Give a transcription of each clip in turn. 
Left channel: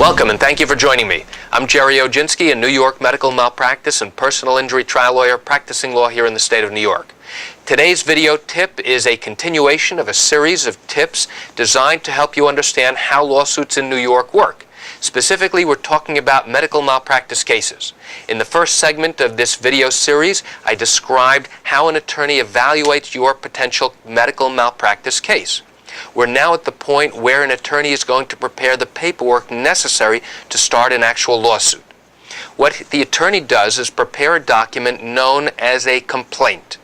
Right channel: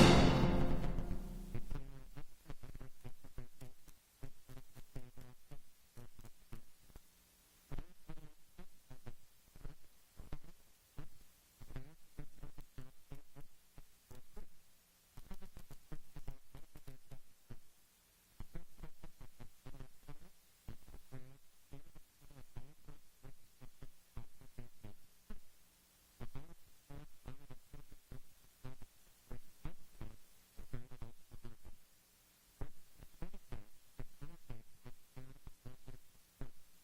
Welcome and thank you for joining me. I'm Jerry Oginski, a New York medical malpractice and personal injury trial lawyer practicing law here in the state of New York. Today's video tip is a continuation of a series of tips designed to help you understand how lawsuits in New York work. Specifically, we're talking about medical malpractice cases. In the first segment of this video series, I described how an attorney evaluates your potential medical malpractice case. We're now at the point where an attorney is going to prepare the paperwork necessary to start an actual lawsuit. What the attorney does is prepare a document known as a complaint.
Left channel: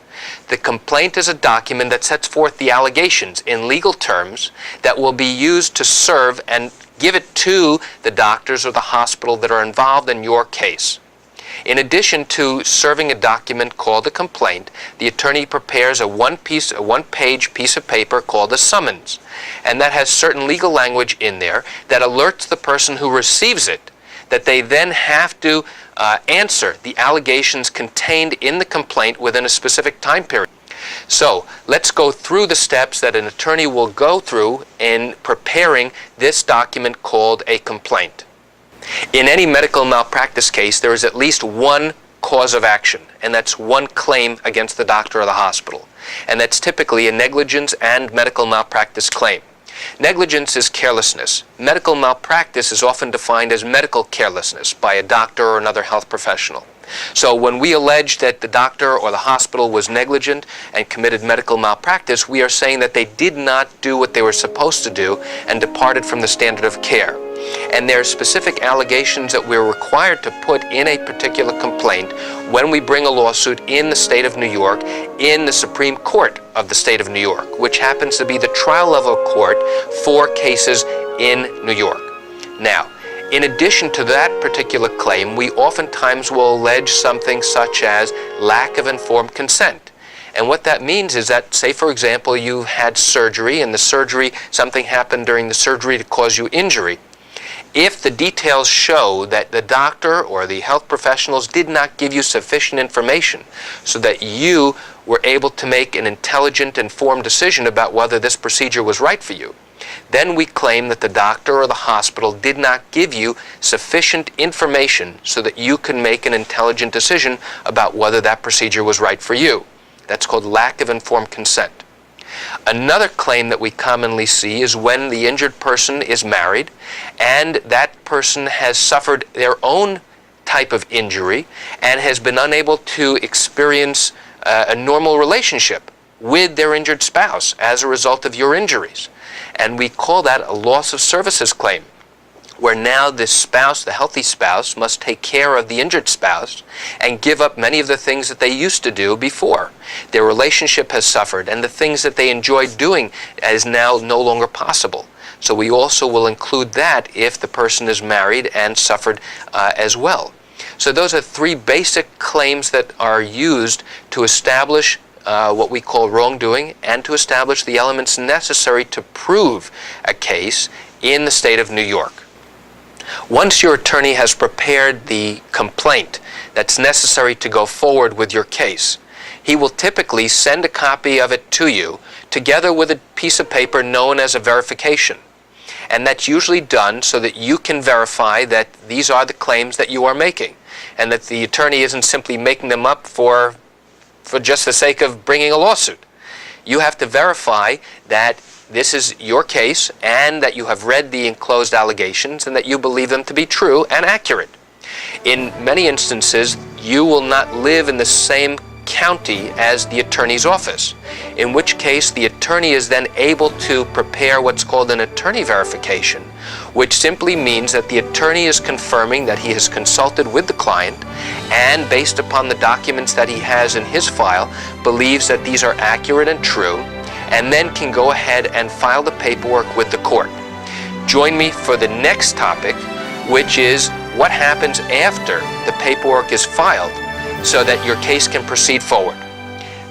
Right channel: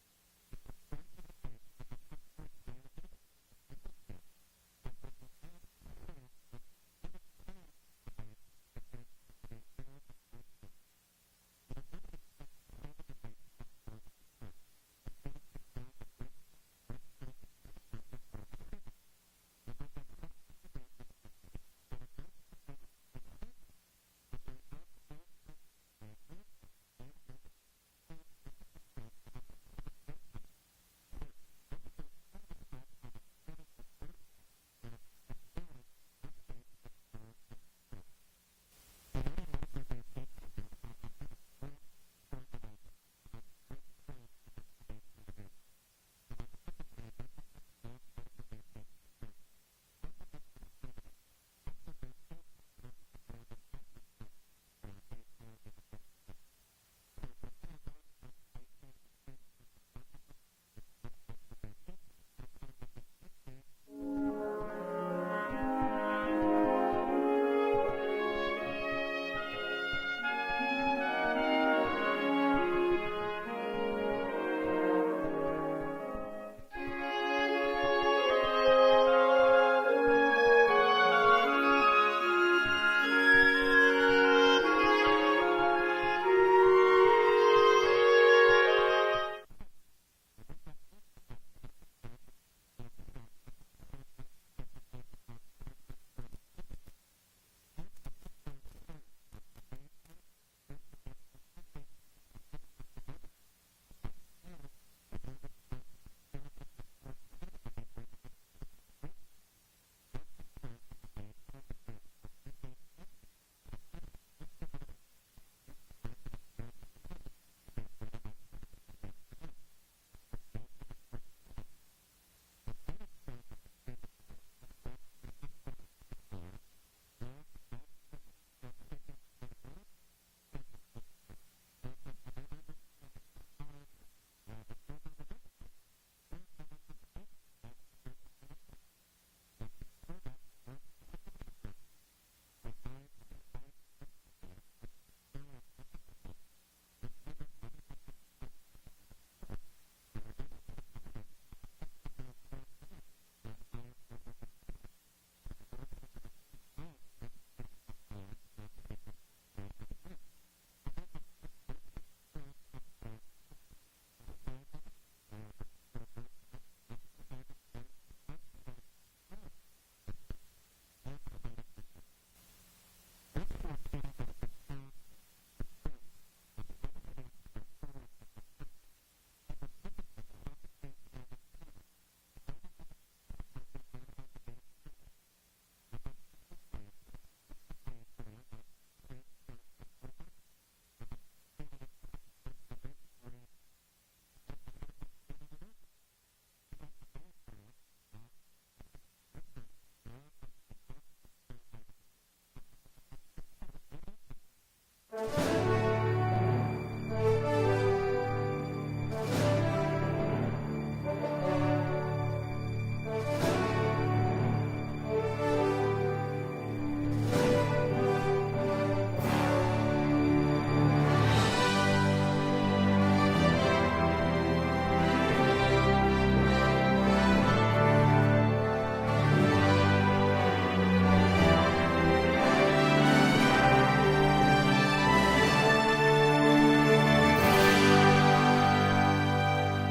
The complaint is a document that sets forth the allegations in legal terms that will be used to serve and give it to the doctors or the hospital that are involved in your case. In addition to serving a document called a complaint, the attorney prepares a one-page piece of paper called a summons, and that has certain legal language in there that alerts the person who receives it that they then have to answer the allegations contained in the complaint within a specific time period. So let's go through the steps that an attorney will go through in preparing this document called a complaint. In any medical malpractice case, there is at least one cause of action, and that's one claim against the doctor or the hospital. And that's typically a negligence and medical malpractice claim. Negligence is carelessness. Medical malpractice is often defined as medical carelessness by a doctor or another health professional. So when we allege that the doctor or the hospital was negligent and committed medical malpractice, we are saying that they did not do what they were supposed to do and departed from the standard of care. And there are specific allegations that we're required to put in a particular complaint when we bring a lawsuit in the state of New York in the Supreme Court of the state of New York, which happens to be the trial level court for cases in New York. Now, in addition to that particular claim, we oftentimes will allege something such as lack of informed consent. And what that means is that, say for example, you had surgery and something happened during the surgery to cause you injury. If the details show that the doctor or the health professionals did not give you sufficient information so that you were able to make an intelligent, informed decision about whether this procedure was right for you, then we claim that the doctor or the hospital did not give you sufficient information so that you can make an intelligent decision about whether that procedure was right for you. That's called lack of informed consent. Another claim that we commonly see is when the injured person is married and that person has suffered their own type of injury and has been unable to experience a normal relationship with their injured spouse as a result of your injuries. And we call that a loss of services claim, where now the spouse, the healthy spouse, must take care of the injured spouse and give up many of the things that they used to do before. Their relationship has suffered, and the things that they enjoyed doing is now no longer possible. So we also will include that if the person is married and suffered as well. So those are three basic claims that are used to establish what we call wrongdoing and to establish the elements necessary to prove a case in the state of New York. Once your attorney has prepared the complaint that's necessary to go forward with your case, he will typically send a copy of it to you together with a piece of paper known as a verification. And that's usually done so that you can verify that these are the claims that you are making and that the attorney isn't simply making them up for just the sake of bringing a lawsuit. You have to verify that this is your case and that you have read the enclosed allegations and that you believe them to be true and accurate. In many instances, you will not live in the same county as the attorney's office, in which case the attorney is then able to prepare what's called an attorney verification, which simply means that the attorney is confirming that he has consulted with the client and, based upon the documents that he has in his file, believes that these are accurate and true, and then can go ahead and file the paperwork with the court. Join me for the next topic, which is what happens after the paperwork is filed so that your case can proceed forward.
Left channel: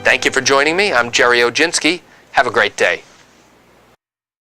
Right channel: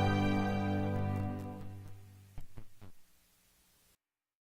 Thank you for joining me. I'm Jerry Oginski. Have a great day.